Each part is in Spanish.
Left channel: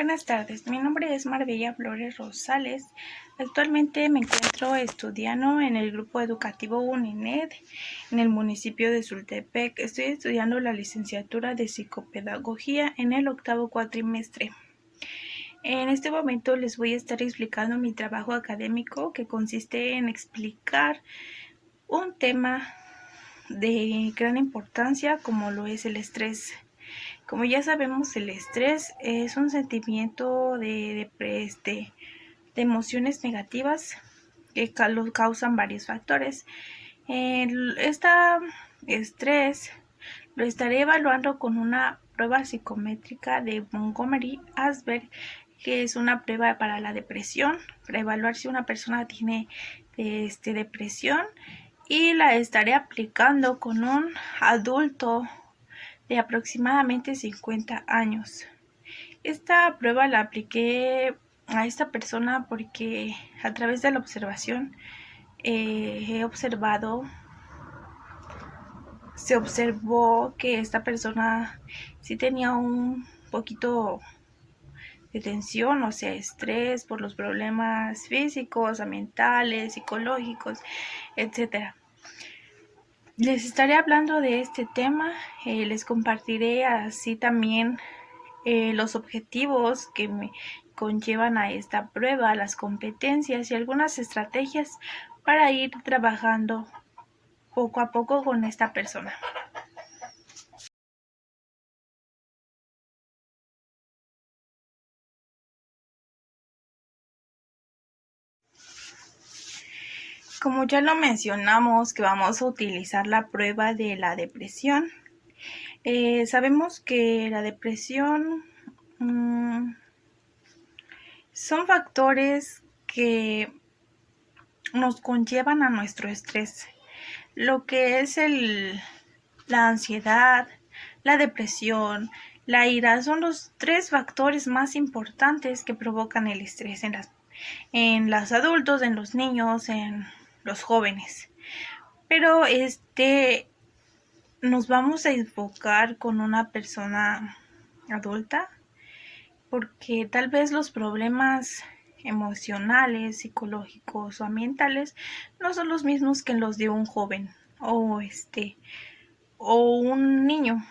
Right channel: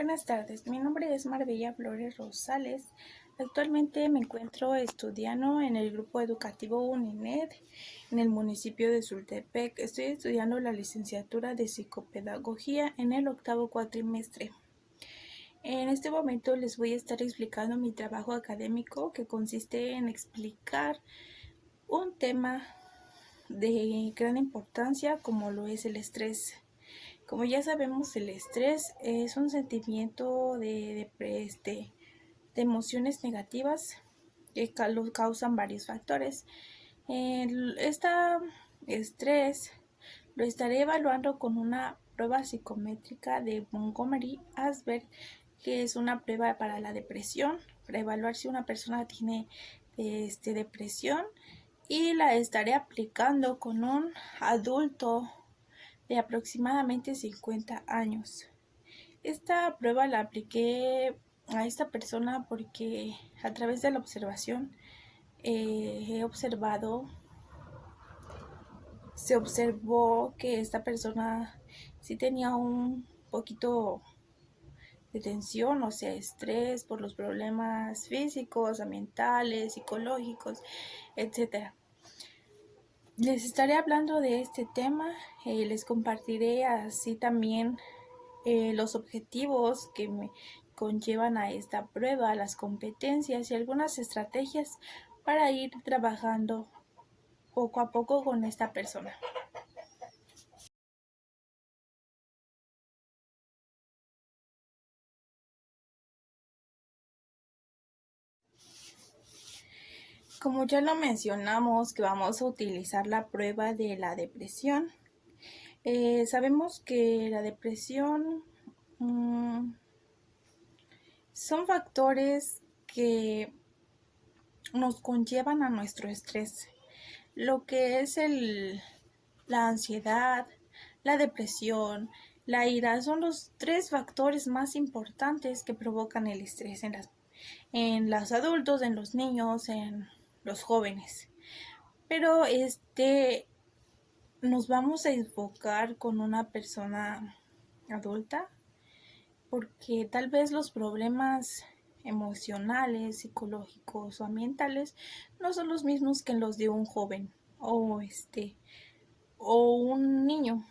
Buenas tardes, mi nombre es Marbella Flores Rosales. Actualmente me encuentro estudiando en el grupo educativo UNINED en el municipio de Sultepec. Estoy estudiando la licenciatura de psicopedagogía en el octavo cuatrimestre. En este momento les voy a estar explicando mi trabajo académico, que consiste en explicar un tema de gran importancia como lo es el estrés. Como ya sabemos, el estrés es un sentimiento de emociones negativas que lo causan varios factores. Este estrés lo estaré evaluando con una prueba psicométrica de Montgomery-Åsberg, que es una prueba para la depresión, para evaluar si una persona tiene depresión, y la estaré aplicando con un adulto de aproximadamente 50 años. Esta prueba la apliqué a esta persona porque a través de la observación se observó que esta persona sí tenía un poquito de tensión, o sea, estrés por los problemas físicos, ambientales, psicológicos, etc. Les estaré hablando de este tema, les compartiré así también los objetivos que me conllevan a esta prueba, las competencias y algunas estrategias para ir trabajando poco a poco con esta persona. Como ya lo mencionamos, que vamos a utilizar la prueba de la depresión. Sabemos que la depresión son factores que nos conllevan a nuestro estrés. Lo que es la ansiedad, la depresión, la ira son los tres factores más importantes que provocan el estrés en los adultos, en los niños, en los jóvenes. Pero nos vamos a enfocar con una persona adulta porque tal vez los problemas emocionales, psicológicos o ambientales no son los mismos que los de un joven o un niño,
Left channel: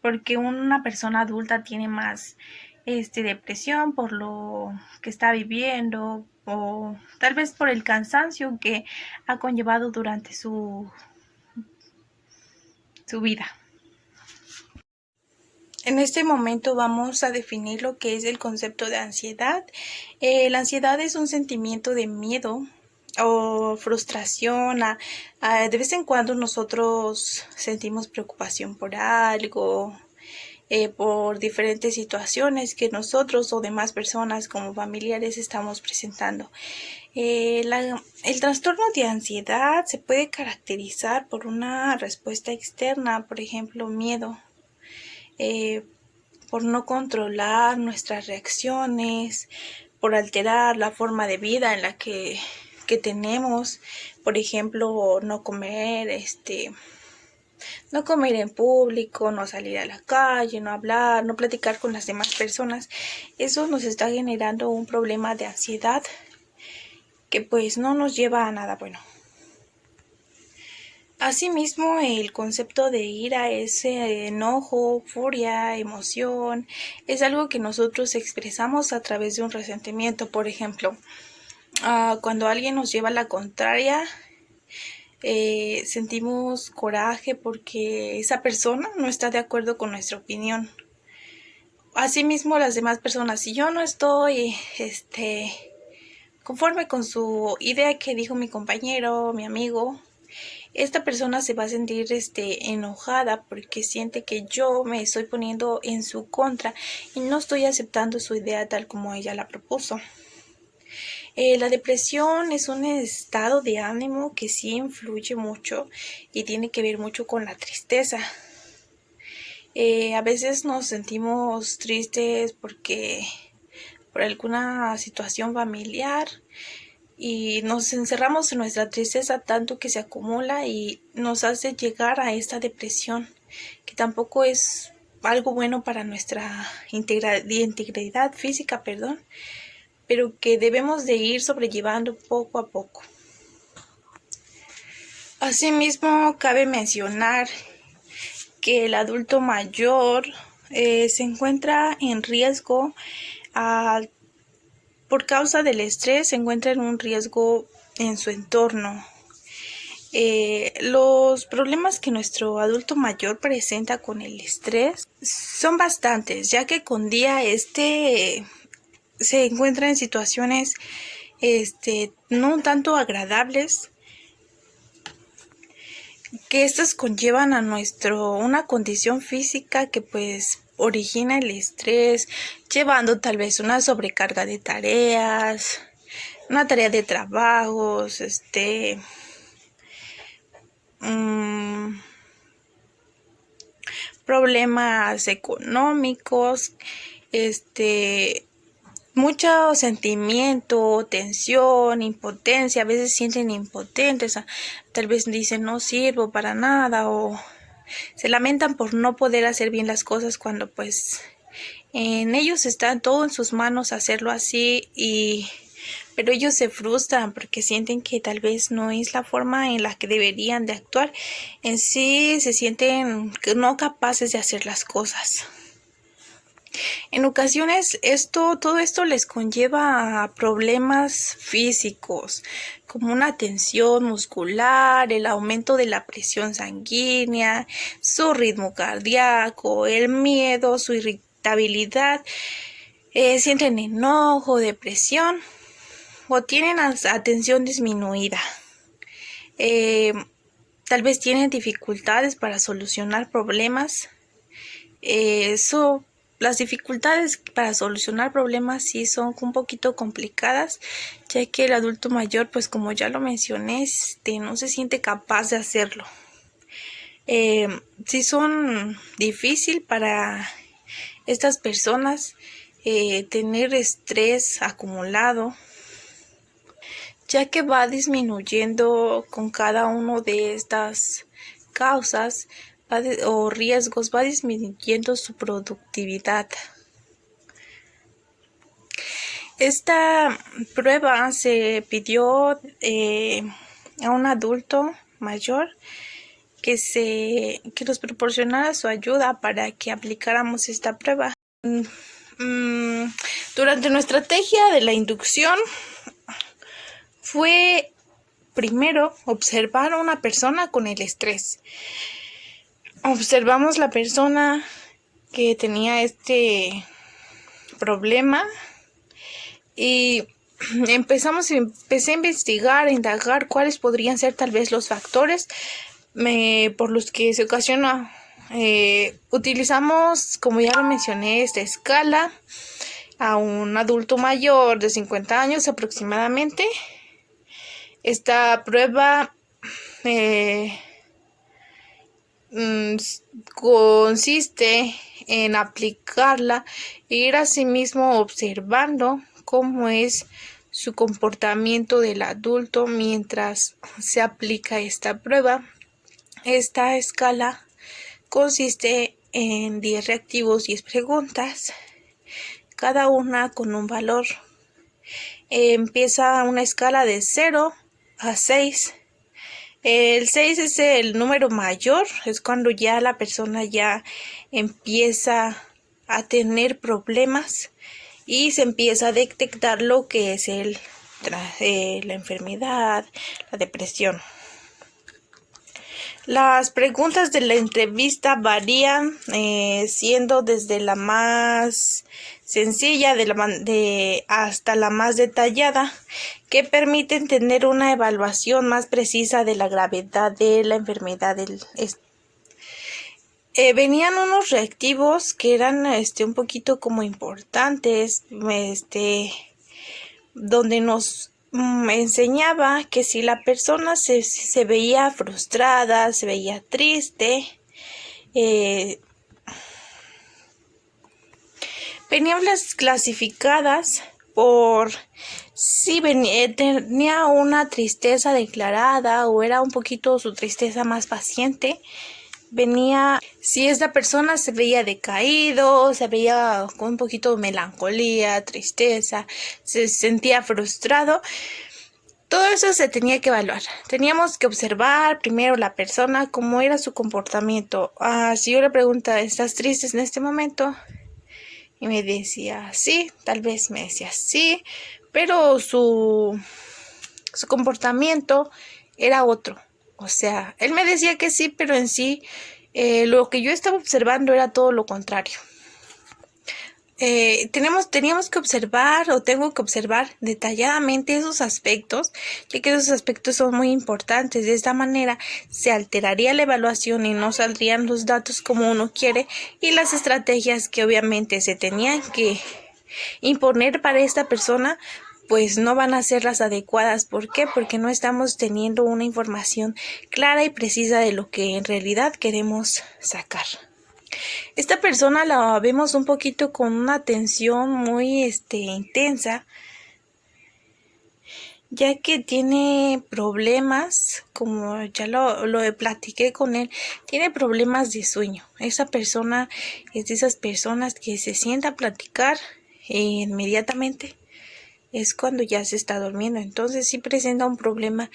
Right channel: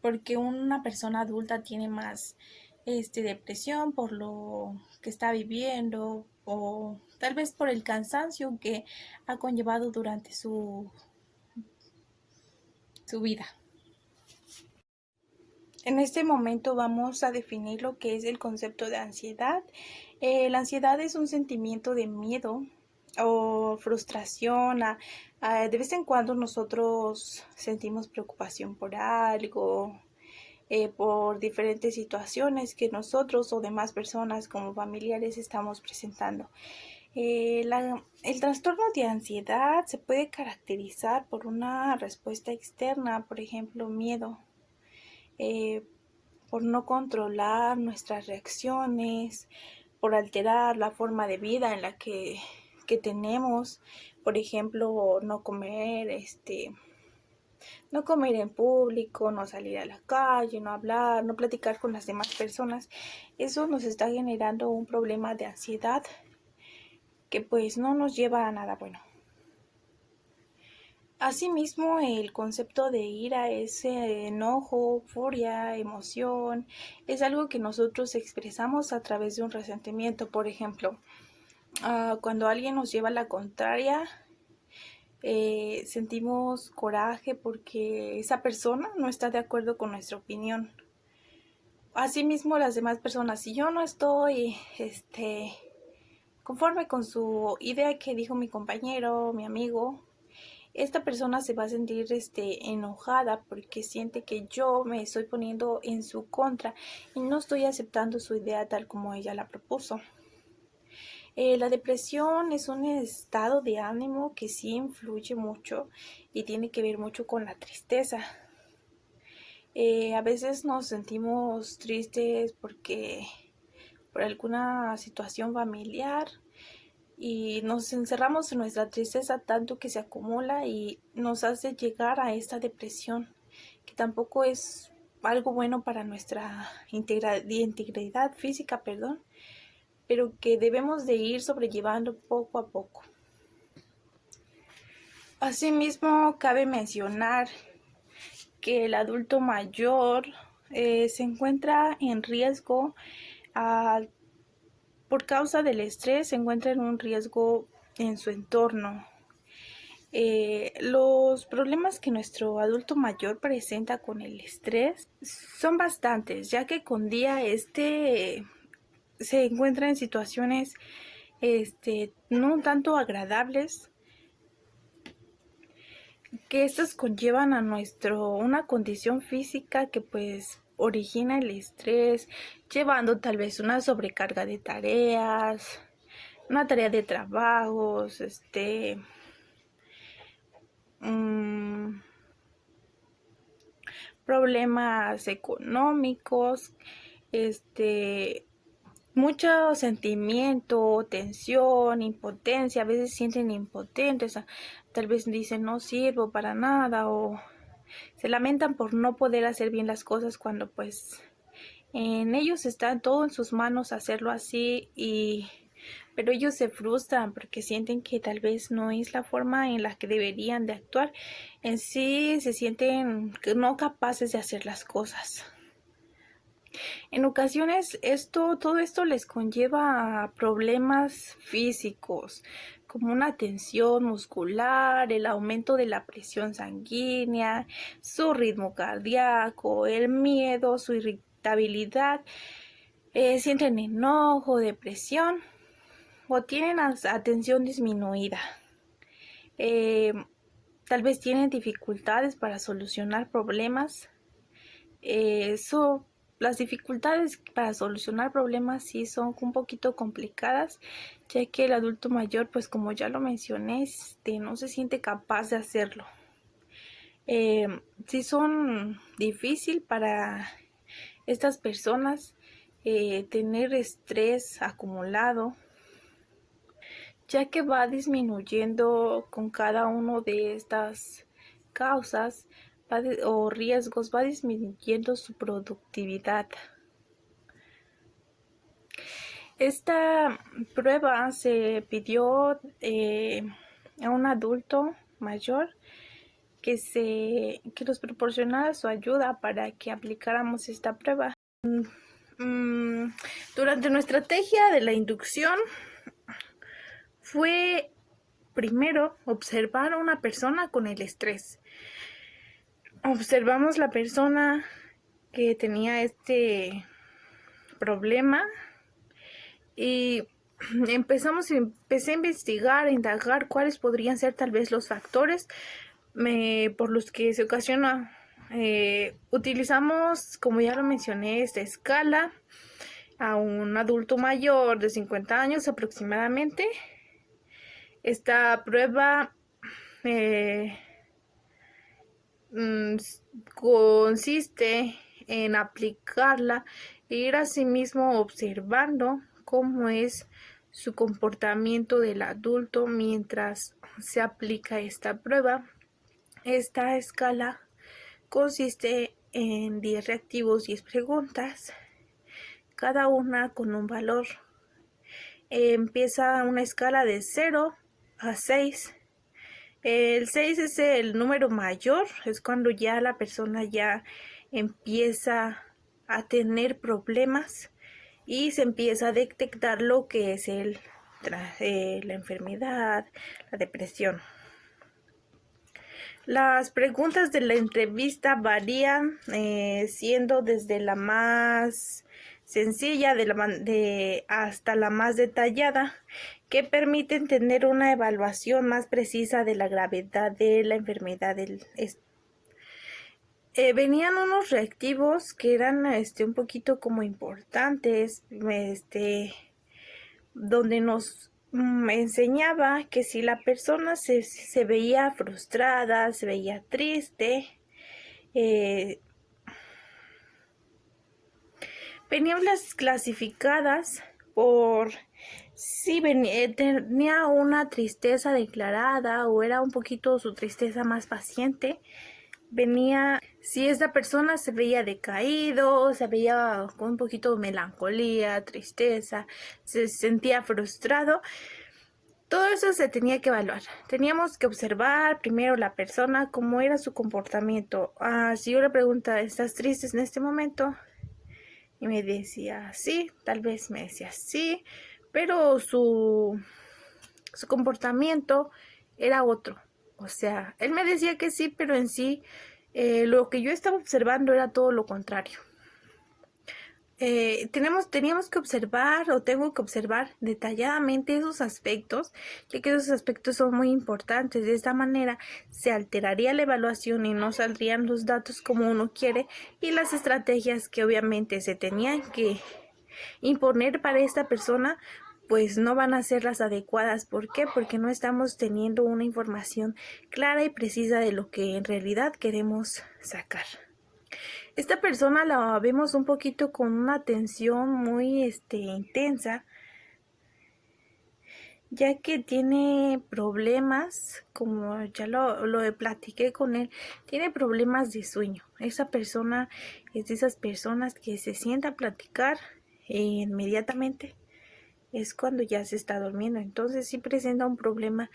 porque una persona adulta tiene más depresión por lo que está viviendo o tal vez por el cansancio que ha conllevado durante su vida. En este momento vamos a definir lo que es el concepto de ansiedad. La ansiedad es un sentimiento de miedo o frustración. De vez en cuando nosotros sentimos preocupación por algo, por diferentes situaciones que nosotros o demás personas como familiares estamos presentando. El trastorno de ansiedad se puede caracterizar por una respuesta externa, por ejemplo, miedo, por no controlar nuestras reacciones, por alterar la forma de vida en la que tenemos, por ejemplo, no comer en público, no salir a la calle, no hablar, no platicar con las demás personas. Eso nos está generando un problema de ansiedad que pues no nos lleva a nada bueno. Asimismo, el concepto de ira es enojo, furia, emoción. Es algo que nosotros expresamos a través de un resentimiento. Por ejemplo, cuando alguien nos lleva la contraria, sentimos coraje porque esa persona no está de acuerdo con nuestra opinión. Asimismo, las demás personas, si yo no estoy conforme con su idea que dijo mi compañero, mi amigo, esta persona se va a sentir enojada porque siente que yo me estoy poniendo en su contra y no estoy aceptando su idea tal como ella la propuso. La depresión es un estado de ánimo que sí influye mucho y tiene que ver mucho con la tristeza. A veces nos sentimos tristes por alguna situación familiar y nos encerramos en nuestra tristeza tanto que se acumula y nos hace llegar a esta depresión, que tampoco es algo bueno para nuestra integridad física, pero que debemos de ir sobrellevando poco a poco. Asimismo, cabe mencionar que el adulto mayor se encuentra en riesgo por causa del estrés, se encuentra en un riesgo en su entorno. Los problemas que nuestro adulto mayor presenta con el estrés son bastantes, ya que con día se encuentra en situaciones no un tanto agradables, que estas conllevan a una condición física que pues origina el estrés, llevando tal vez una sobrecarga de tareas, una tarea de trabajos, problemas económicos, mucho sentimiento, tensión, impotencia. A veces sienten impotentes, tal vez dicen no sirvo para nada, o se lamentan por no poder hacer bien las cosas cuando pues en ellos está todo en sus manos hacerlo así, pero ellos se frustran porque sienten que tal vez no es la forma en la que deberían de actuar. En sí se sienten no capaces de hacer las cosas. En ocasiones todo esto les conlleva a problemas físicos, como una tensión muscular, el aumento de la presión sanguínea, su ritmo cardíaco, el miedo, su irritabilidad, sienten enojo, depresión o tienen atención disminuida. Tal vez tienen dificultades para solucionar problemas. Las dificultades para solucionar problemas sí son un poquito complicadas, ya que el adulto mayor, pues como ya lo mencioné, no se siente capaz de hacerlo. Sí son difícil para estas personas tener estrés acumulado, ya que va disminuyendo con cada uno de estas causas o riesgos, va disminuyendo su productividad. Esta prueba se pidió a un adulto mayor que nos proporcionara su ayuda para que aplicáramos esta prueba. Durante nuestra estrategia de la inducción fue primero observar a una persona con el estrés. Observamos la persona que tenía este problema y empecé a investigar, a indagar cuáles podrían ser tal vez los factores por los que se ocasiona. Utilizamos, como ya lo mencioné, esta escala a un adulto mayor de 50 años aproximadamente. Esta prueba consiste en aplicarla e ir asimismo observando cómo es su comportamiento del adulto mientras se aplica esta prueba. Esta escala consiste en 10 reactivos, 10 preguntas, cada una con un valor. Empieza una escala de 0 a 6. El 6 es el número mayor, es cuando ya la persona ya empieza a tener problemas y se empieza a detectar lo que es la enfermedad, la depresión. Las preguntas de la entrevista varían, siendo desde la más sencilla hasta la más detallada, que permiten tener una evaluación más precisa de la gravedad de la enfermedad. Venían unos reactivos que eran un poquito como importantes, donde nos enseñaba que si la persona se veía frustrada, se veía triste, venían las clasificadas por si tenía una tristeza declarada o era un poquito su tristeza más paciente. venía, si esta persona se veía decaído, se veía con un poquito de melancolía, tristeza, se sentía frustrado, todo eso se tenía que evaluar. Teníamos que observar primero la persona, cómo era su comportamiento. Si yo le preguntaba, ¿estás triste en este momento? Y me decía, sí, tal vez me decía, sí, pero su comportamiento era otro. O sea, él me decía que sí, pero en sí lo que yo estaba observando era todo lo contrario. Teníamos que observar o tengo que observar detalladamente esos aspectos, ya que esos aspectos son muy importantes. De esta manera se alteraría la evaluación y no saldrían los datos como uno quiere y las estrategias que obviamente se tenían que imponer para esta persona pues no van a ser las adecuadas. ¿Por qué? Porque no estamos teniendo una información clara y precisa de lo que en realidad queremos sacar. Esta persona la vemos un poquito con una atención muy intensa, ya que tiene problemas, como ya lo platiqué con él, tiene problemas de sueño. Esa persona es de esas personas que se sienta a platicar e inmediatamente es cuando ya se está durmiendo. Entonces sí presenta un problema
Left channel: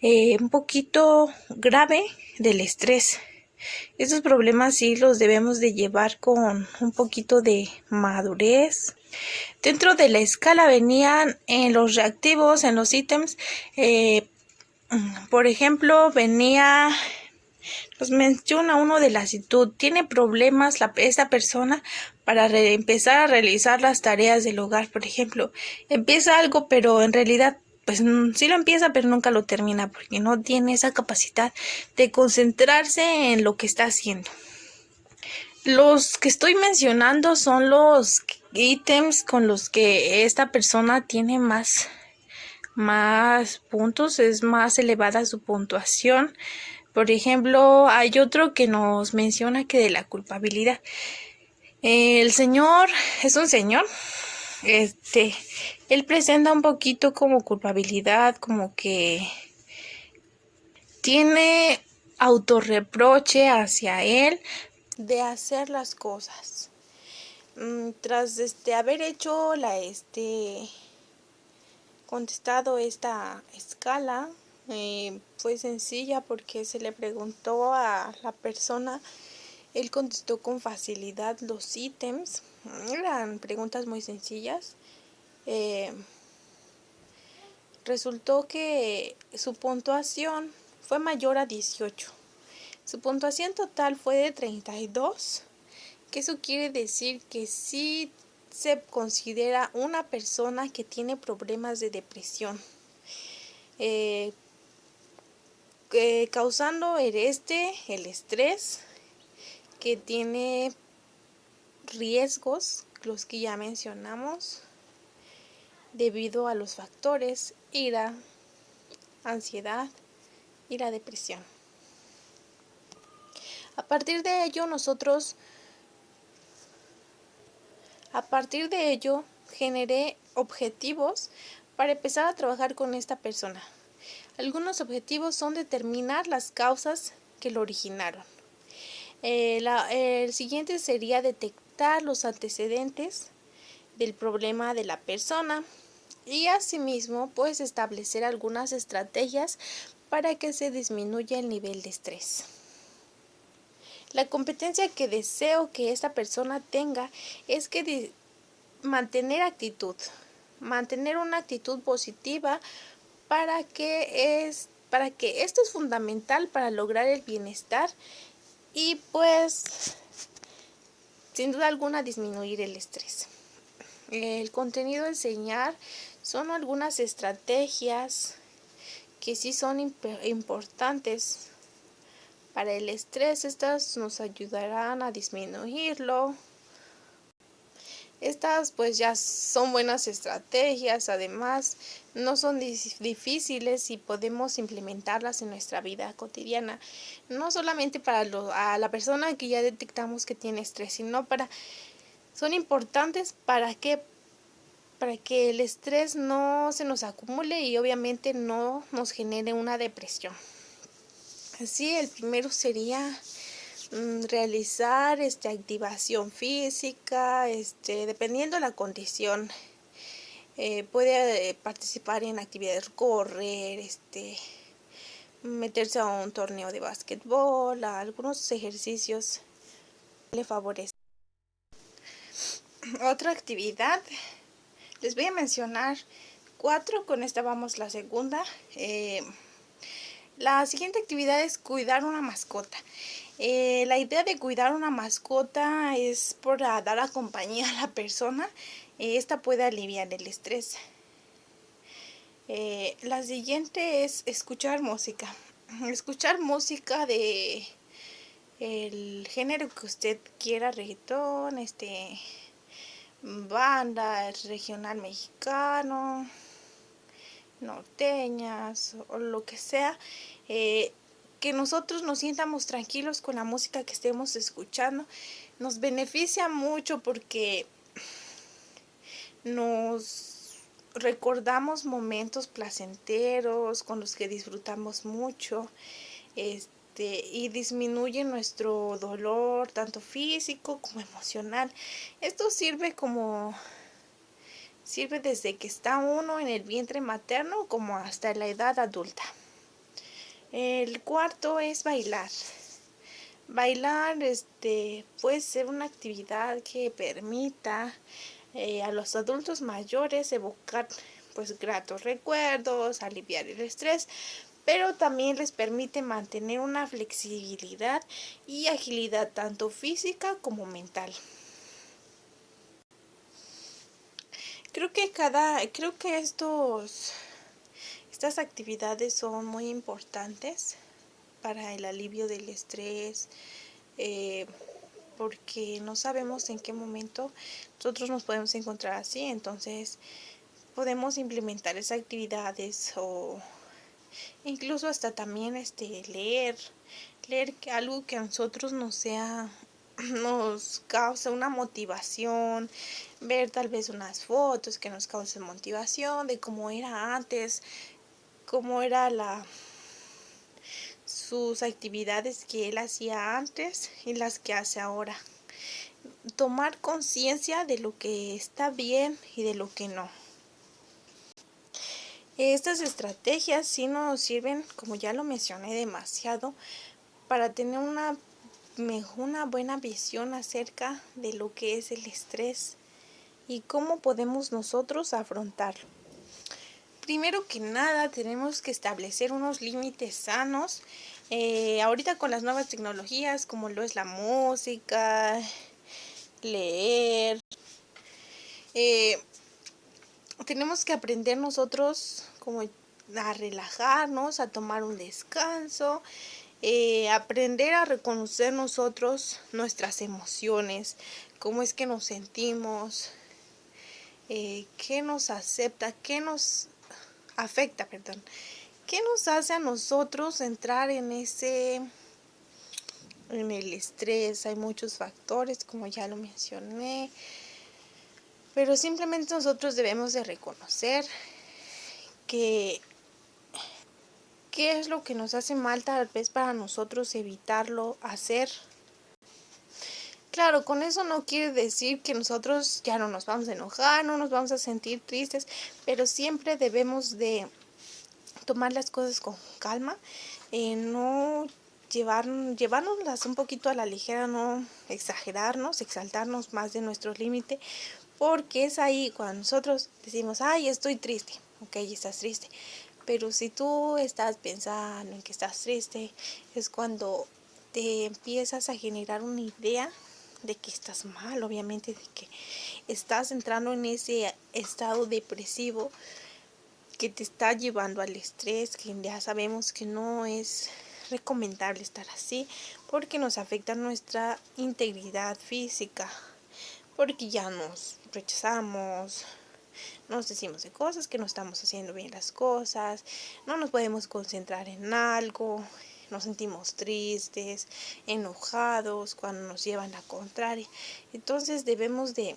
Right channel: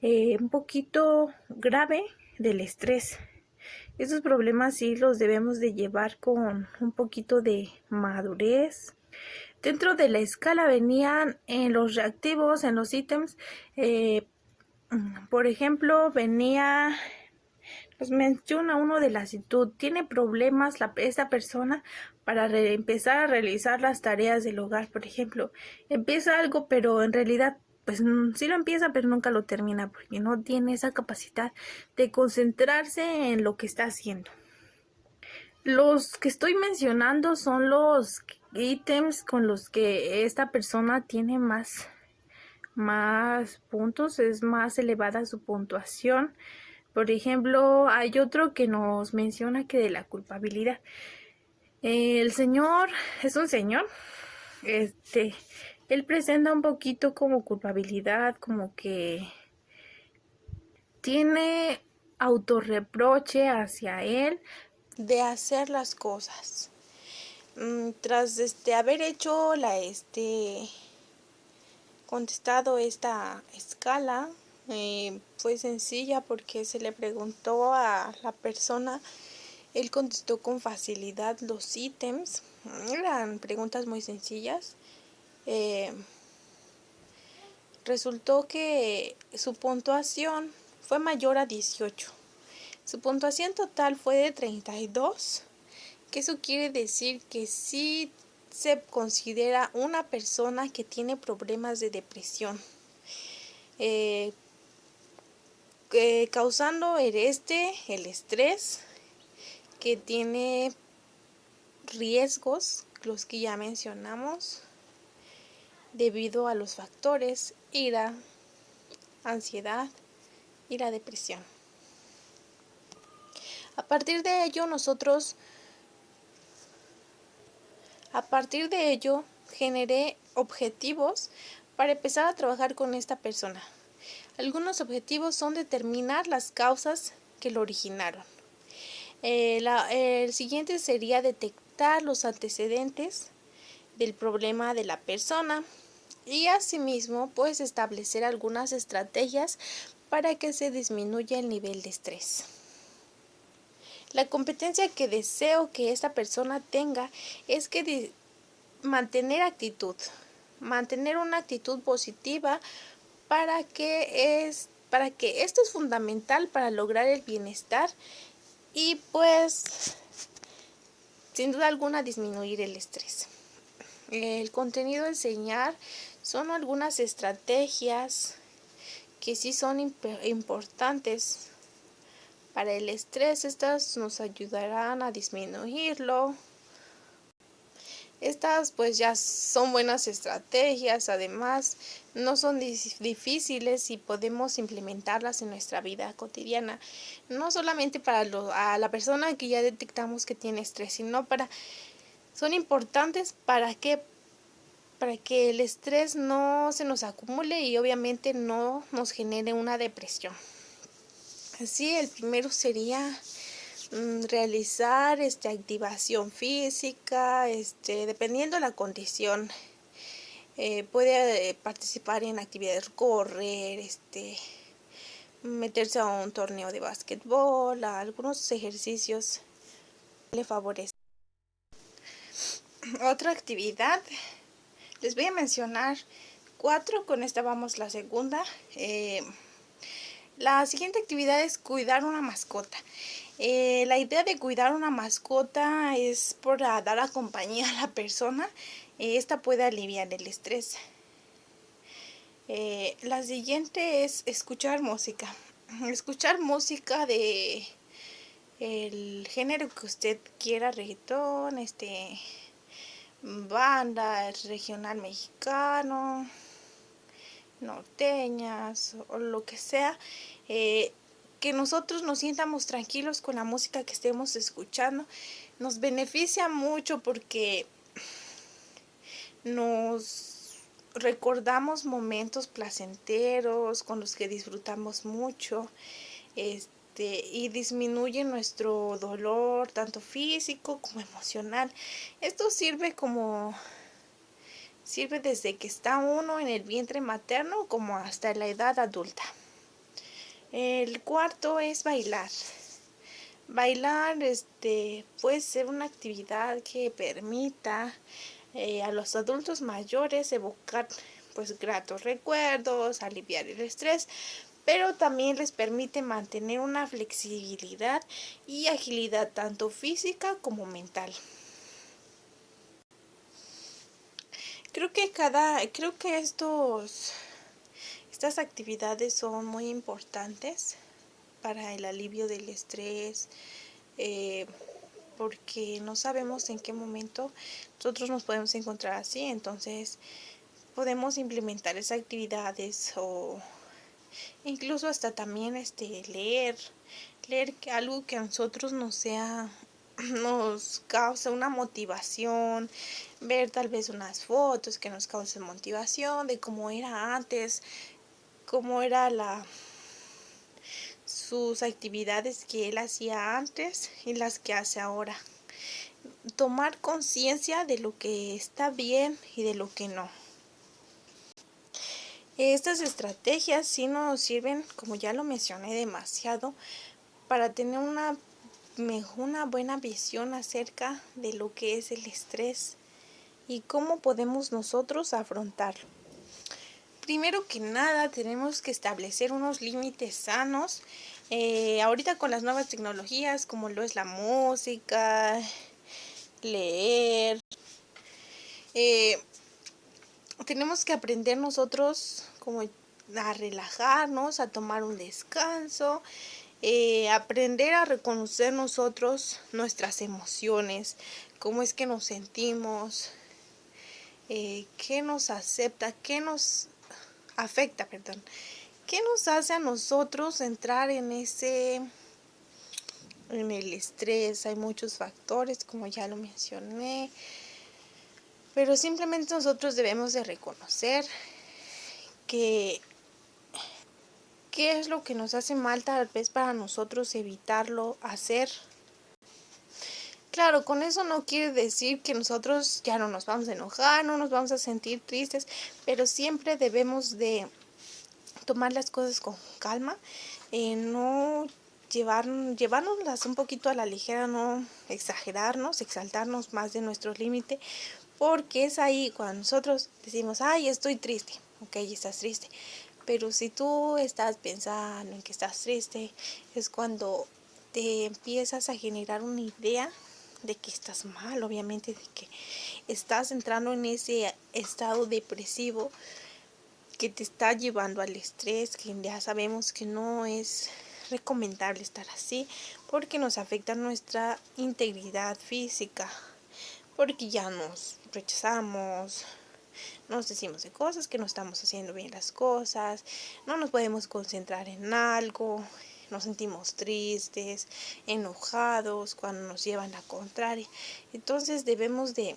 un poquito grave del estrés. Estos problemas sí los debemos de llevar con un poquito de madurez. Dentro de la escala venían en los reactivos, en los ítems, por ejemplo, nos menciona uno de la actitud. Tiene problemas esta persona para empezar a realizar las tareas del hogar. Por ejemplo, empieza algo, pero en realidad pues sí lo empieza, pero nunca lo termina porque no tiene esa capacidad de concentrarse en lo que está haciendo. Los que estoy mencionando son los ítems con los que esta persona tiene más puntos, es más elevada su puntuación. Por ejemplo, hay otro que nos menciona que de la culpabilidad. El señor es un señor, él presenta un poquito como culpabilidad, como que tiene autorreproche hacia él de hacer las cosas. Tras haber hecho contestado esta escala, fue sencilla porque se le preguntó a la persona, él contestó con facilidad los ítems, eran preguntas muy sencillas. Resultó que su puntuación fue mayor a 18. Su puntuación total fue de 32, que eso quiere decir que sí se considera una persona que tiene problemas de depresión, causando el estrés, que tiene riesgos, los que ya mencionamos, debido a los factores ira, ansiedad y la depresión. A partir de ello, generé objetivos para empezar a trabajar con esta persona. Algunos objetivos son determinar las causas que lo originaron. El siguiente sería detectar los antecedentes del problema de la persona y asimismo pues establecer algunas estrategias para que se disminuya el nivel de estrés. La competencia que deseo que esta persona tenga es que mantener una actitud positiva para que esto es fundamental para lograr el bienestar y pues sin duda alguna disminuir el estrés. El contenido a enseñar son algunas estrategias que sí son importantes para el estrés. Estas nos ayudarán a disminuirlo. Estas pues ya son buenas estrategias, además no son difíciles y podemos implementarlas en nuestra vida cotidiana. No solamente para a la persona que ya detectamos que tiene estrés, sino son importantes para que el estrés no se nos acumule y obviamente no nos genere una depresión. Así, el primero sería realizar activación física, dependiendo de la condición. Puede participar en actividades, correr, meterse a un torneo de básquetbol, a algunos ejercicios le favorecen. Otra actividad, les voy a mencionar 4, con esta vamos la segunda. La siguiente actividad es cuidar una mascota. La idea de cuidar una mascota es para dar a compañía a la persona. Esta puede aliviar el estrés. La siguiente es escuchar música. Escuchar música de el género que usted quiera, reggaetón, banda, regional mexicano, norteñas o lo que sea, que nosotros nos sientamos tranquilos con la música que estemos escuchando. Nos beneficia mucho porque nos recordamos momentos placenteros con los que disfrutamos mucho, y disminuye nuestro dolor tanto físico como emocional. Esto sirve desde que está uno en el vientre materno como hasta la edad adulta. El cuarto es bailar. Bailar puede ser una actividad que permita a los adultos mayores evocar pues gratos recuerdos, aliviar el estrés, pero también les permite mantener una flexibilidad y agilidad tanto física como mental. Creo que estas actividades son muy importantes para el alivio del estrés, porque no sabemos en qué momento nosotros nos podemos encontrar así. Entonces podemos implementar esas actividades o incluso hasta también leer algo que a nosotros nos causa una motivación, ver tal vez unas fotos que nos causen motivación de cómo era antes, cómo era sus actividades que él hacía antes y las que hace ahora. Tomar conciencia de lo que está bien y de lo que no. Estas estrategias sí nos sirven, como ya lo mencioné, demasiado para tener una buena visión acerca de lo que es el estrés y cómo podemos nosotros afrontarlo. Primero que nada, tenemos que establecer unos límites sanos. Ahorita con las nuevas tecnologías, como lo es la música, leer, tenemos que aprender nosotros como a relajarnos, a tomar un descanso, aprender a reconocer nosotros nuestras emociones, cómo es que nos sentimos, qué nos afecta, qué nos hace a nosotros entrar en el estrés. Hay muchos factores, como ya lo mencioné, pero simplemente nosotros debemos de reconocer qué es lo que nos hace mal, tal vez para nosotros evitarlo hacer. Claro, con eso no quiere decir que nosotros ya no nos vamos a enojar, no nos vamos a sentir tristes, pero siempre debemos de tomar las cosas con calma, no llevárnoslas un poquito a la ligera, no exaltarnos más de nuestro límite, porque es ahí cuando nosotros decimos, ay, estoy triste, ok, estás triste, pero si tú estás pensando en que estás triste, es cuando te empiezas a generar una idea de que estás mal, obviamente, de que estás entrando en ese estado depresivo que te está llevando al estrés, que ya sabemos que no es recomendable estar así, porque nos afecta nuestra integridad física, porque ya nos rechazamos, nos decimos de cosas que no estamos haciendo bien las cosas, no nos podemos concentrar en algo, nos sentimos tristes, enojados cuando nos llevan la contraria. Entonces debemos de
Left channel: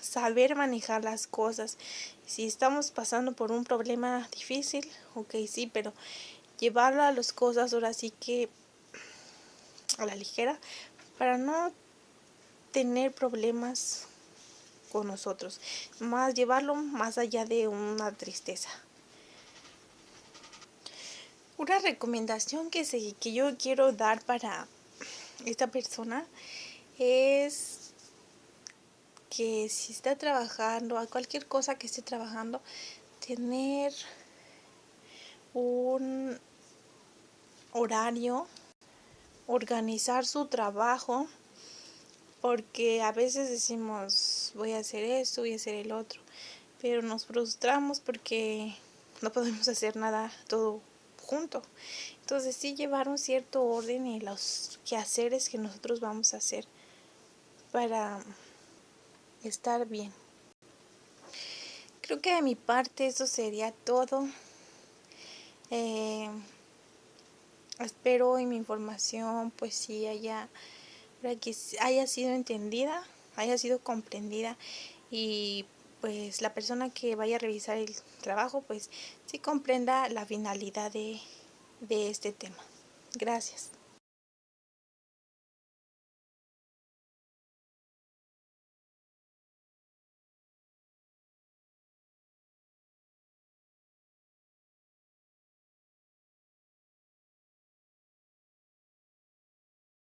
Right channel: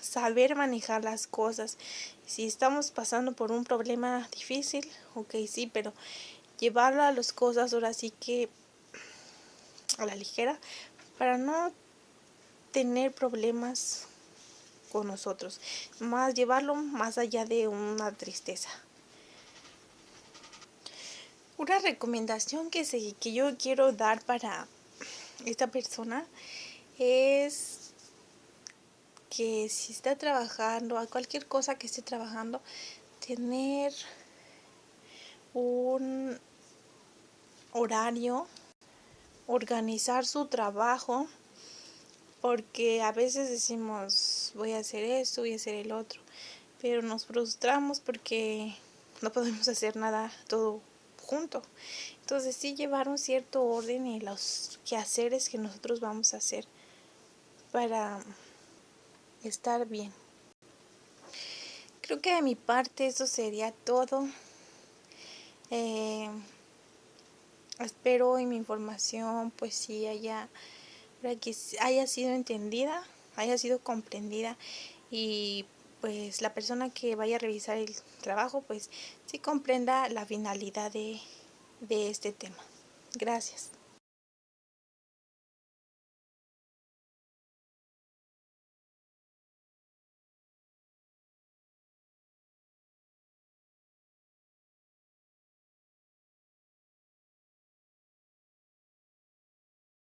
saber manejar las cosas. Si estamos pasando por un problema difícil, ok, sí, pero llevarlo a las cosas ahora sí que a la ligera para no tener problemas con nosotros, más llevarlo más allá de una tristeza. Una recomendación que yo quiero dar para esta persona es que si está trabajando, a cualquier cosa que esté trabajando, tener un horario, organizar su trabajo, porque a veces decimos voy a hacer esto, voy a hacer el otro, pero nos frustramos porque no podemos hacer nada todo junto. Entonces sí llevar un cierto orden en los quehaceres que nosotros vamos a hacer para estar bien. Creo que de mi parte eso sería todo. Espero en mi información pues sí para que haya sido entendida, haya sido comprendida y pues la persona que vaya a revisar el trabajo pues sí comprenda la finalidad de este tema. Gracias.